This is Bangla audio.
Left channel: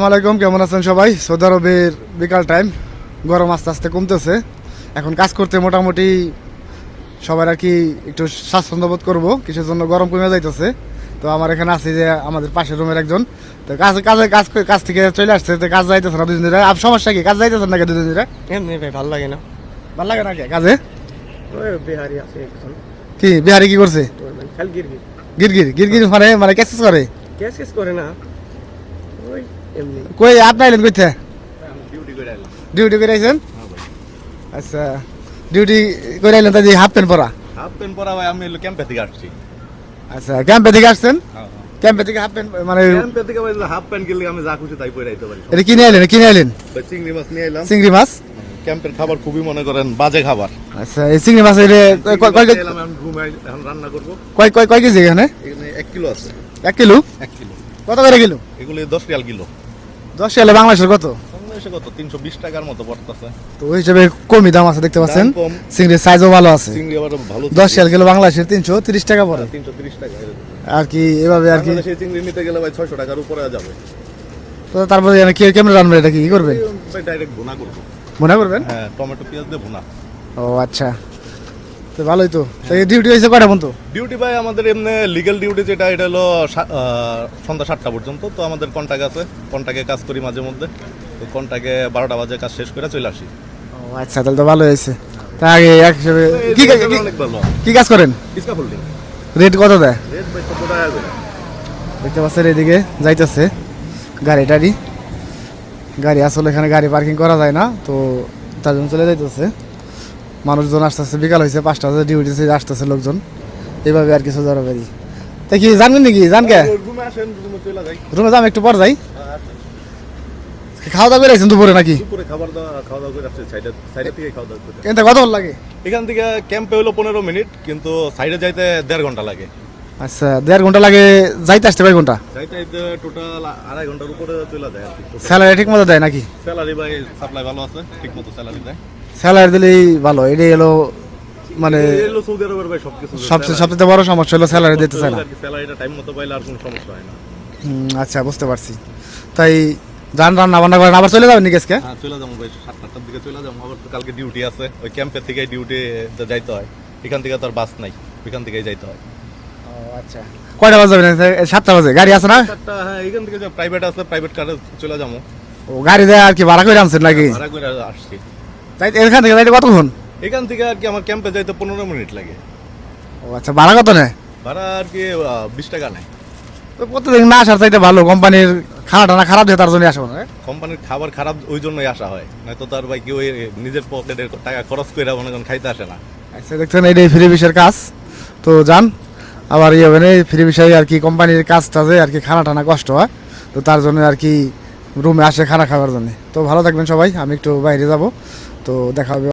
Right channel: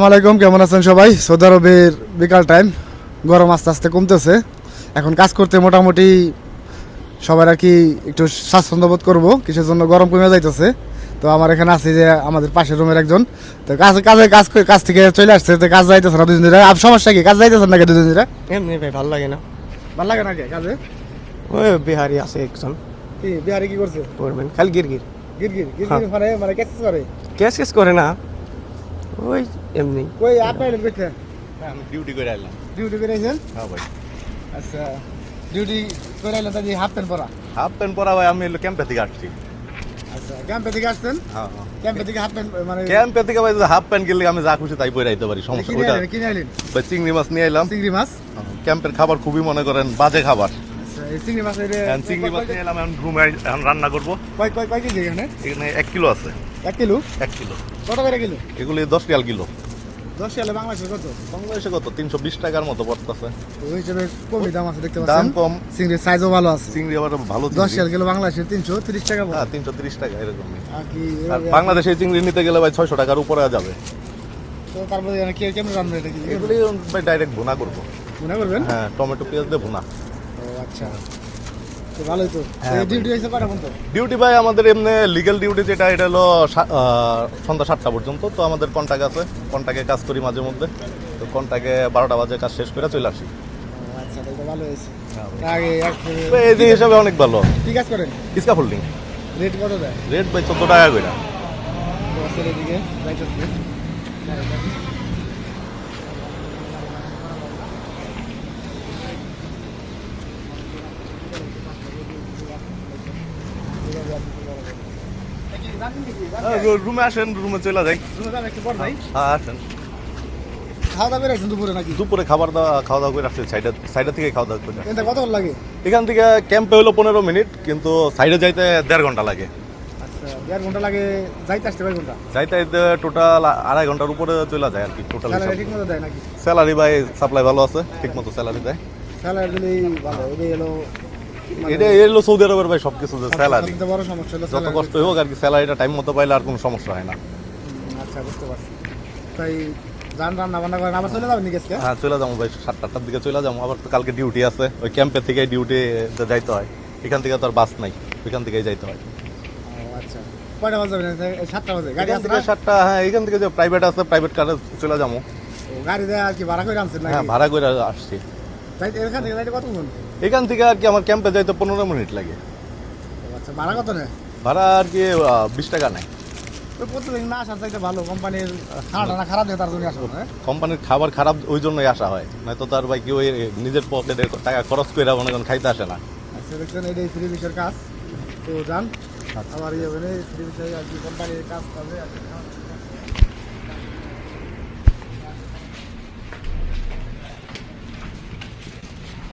আসসালামাইকুম কেমন আছেন সবাই? সৌদি আরবের বিকাল টাইম গরম আস্তে আস্তে কমতেছে। এখন কাজ করতে মোটামুটি সবার আর কি একটু স্বাচ্ছন্দ্য বোধ করব কিছুর জন্য গরম কমে যাইতেছে। তো আমার এখানে আছে যে আমাদের পাশের রুমের একজন। তো কাজ কাজে কাজ করে- কাজ থেকে চলে আসছে তো কাজ যাইতেছে না ধরে আর সমস্যা কি কাজ যাইতেছে নাকি দুদিন ধরে এমনি ভাই ভালো লাগে না। ভালো লাগে নাকি কাজে? ওই বিহারি আছে একজন। কি বিহারি কি করছে? খালি গির গির গিরগির গিরগির মানে মানে ক্যাসেস করে? ক্যাশ ক্যাশ করে না। ওই এমনি। কই আপনি আইলেন কইতে? ডিউটি করে আইলাম ডিউটি করে আইছেন? হ্যাঁ ভাই। আচ্ছা ডিউটি করে আইলেন তাই হাফ প্যান্ট পরা? হাফ প্যান্ট পরা ভাই আমি ক্যাম্পে থেকে আসছি। আচ্ছা ক্যাম্পে থেকে আসছেন? ক্যাম্পে থেকে হাফ প্যান্ট মানে ক্যাম্পে থেকে ভাই হাফ প্যান্ট কিনলে আমি যা খুশি তাই পরে আইতে পারি এটা কিনে আইলেন কিনে আইলেন? ভাই চিংড়ি মাছ নিয়ে এলাম চিংড়ি মাছ? ক্যাম্পের খাবার খুবই মনে করেন বাজে খাবার। আচ্ছা এই চিংড়ি মাছ চিংড়ি কয়- কয় রুমে রান্না করব। কয় কয় কয় কেজি এখানে? এখানে এক কিলো আছে। এক কিলো? এক কিলো। কত করে কিলো? এগুলি দশ রিয়াল কিলো। দশ সালে বাংলাদেশের কত? বাংলাদেশে কত? তিনশো বিশ টাকার মতো পড়তেছে। ওই হিসেবে কমই দাম আছে দেখতে পাচ্ছেন? কম। চিংড়ির সাইজও ভালো আছে। চিংড়ি আবার ভালো দশ সাল কিলো বাংলাদেশের তিনশো তিরিশ টাকা পড়ে। তিনশো তিরিশ টাকা এরকম। আর কি এভাবে আর কি। বাংলাদেশে চিংড়ি নিতে গেলে ভাই ছয়শো টাকার উপরে যাবে। তো তারপরে কি কেমন রান্না এটা কি? করবেন? ডাইরেক্ট ভুনা করব। মনে করবেন? হ্যাঁ টমেটো পেঁয়াজ দিয়ে ভুনা। ও আচ্ছা। তো ভালোই তো। ডিউটি হয়েছে কয়টা পর্যন্ত? ডিউটি ভাই আমাদের এমনি লিগ্যাল ডিউটি যেটা এটা হলো সন্ধ্যা সাতটা পর্যন্ত। তো আমাদের কন্ট্যাক্ট আছে। কন্ট্যাক্টে কাজ করি মাঝে মধ্যে। তো কন্ট্যাক্টে বারোটা বাজে কাজ শেষ করে চলে আসি। আচ্ছা তাহলে তো ভালো হয়েছে। আগে এক হিসেবে কি জায়গাটা কি- অনেক ভালো। কি কাজ করেন? ইসকা ফুলডিং। রেট কত দেয়? রেট ভাই চোদ্দ টাকা করে। দেখতে পাচ্ছেন এদিকে যাইতেছে। গাড়ি টাড়ি। গাড়ি আসলে এখানে গাড়ি পার্কিং করা যায় না তো তার জন্য চলে যাইতেছে। মানুষজন আসতেছে বিকাল হয়েছে পাঁচটা বাজে ডিউটি আসতেছে লোকজন এইভাবে আর কিছু ধরো গাড়ি তা কি জানবেন নাকি? জানকে রুমে আসেন রুমে চলে যাই। রুমে যাম একটু পর যাই। হ্যাঁ, খাওয়া দাওয়া করে দুপুরে নাকি? দুপুরে খাবার দাওয়া খাওয়া দাওয়া করে আসছে সাইডে সাইডে থেকে খাওয়া দাওয়া করে এটা কত লাগে এখান থেকে ক্যাম্পে হলো পনেরো মিনিট কিন্তু সাইডে যাইতে দেড় ঘণ্টা লাগে। আচ্ছা দেড় ঘণ্টা লাগে যাইতে আসতে কয় ঘণ্টা? যাইতে টোটাল আড়াই ঘণ্টার উপরে চলে যায় স্যালারি ঠিক মতো দেয় নাকি? স্যালারি ভাই সাপ্লাই ভালো আছে ঠিক মতো স্যালারি দেয়। স্যালারি দিলেই ভালো এটাই হলো মানে এলো সৌদি আরবের ভাই সবকিছু সবচেয়ে সবচেয়ে বড় সমস্যা হলো স্যালারি দিতে চায় না। স্যালারিটা টাইম মতো পাইলে আর কোনো সমস্যা হয় না। আচ্ছা বুঝতে পারছি। তাই যান রান্না বান্না করেন আবার চলে যাবেন নাকি আজকে? হ্যাঁ চলে যাব ভাই সাতটা আটটার দিকে চলে যাব। আবার তো কালকে ডিউটি আছে ওই ক্যাম্পের থেকে ডিউটি যাইতে হয়। এখান থেকে তো আর বাস নাই ওইখান থেকেই যাইতে হয়। আচ্ছা। কয়টা বাজে সাতটা বাজে গাড়ি আছে না? সাতটা হ্যাঁ এখান থেকে যে প্রাইভেট আছে প্রাইভেট কারে চলে যাব। ও গাড়ি দেয় আর কি ভাড়া করে আনছেন নাকি? ভাড়া করে আসছি। তাই এখান থেকে যাইতে কতক্ষণ? এখান থেকে আর কি আমার ক্যাম্পে যাইতে পনেরো মিনিট লাগে। ও আচ্ছা ভাড়া কত নেয়? ভাড়া আর কি বিশ টাকা নেয়। তো প্রতিদিন না আসার চাইতে ভালো কোম্পানির খানা টানা খারাপ দিয়ে তার জন্য আসব হ্যাঁ? কোম্পানির খাবার খারাপ ওই জন্যই আসা হয়। নয়তো তার ভাই কি ওই নিজের পকেটের টাকা খরচ করে মনে করেন খাইতে আসে না। আচ্ছা দেখছেন এইটাই ফ্রি বিষয়ের কাজ। তো যান আবার ইয়ে মানে ফ্রি বিষয়ে আর কি কোম্পানির কাজটাতে আর কি খানা টানা কষ্ট হয়? তো তার জন্য আর কি রুমে আসে খানা খাওয়ার জন্য। তো ভালো থাকবেন সবাই আমি একটু বাইরে যাব। তো দেখা হবে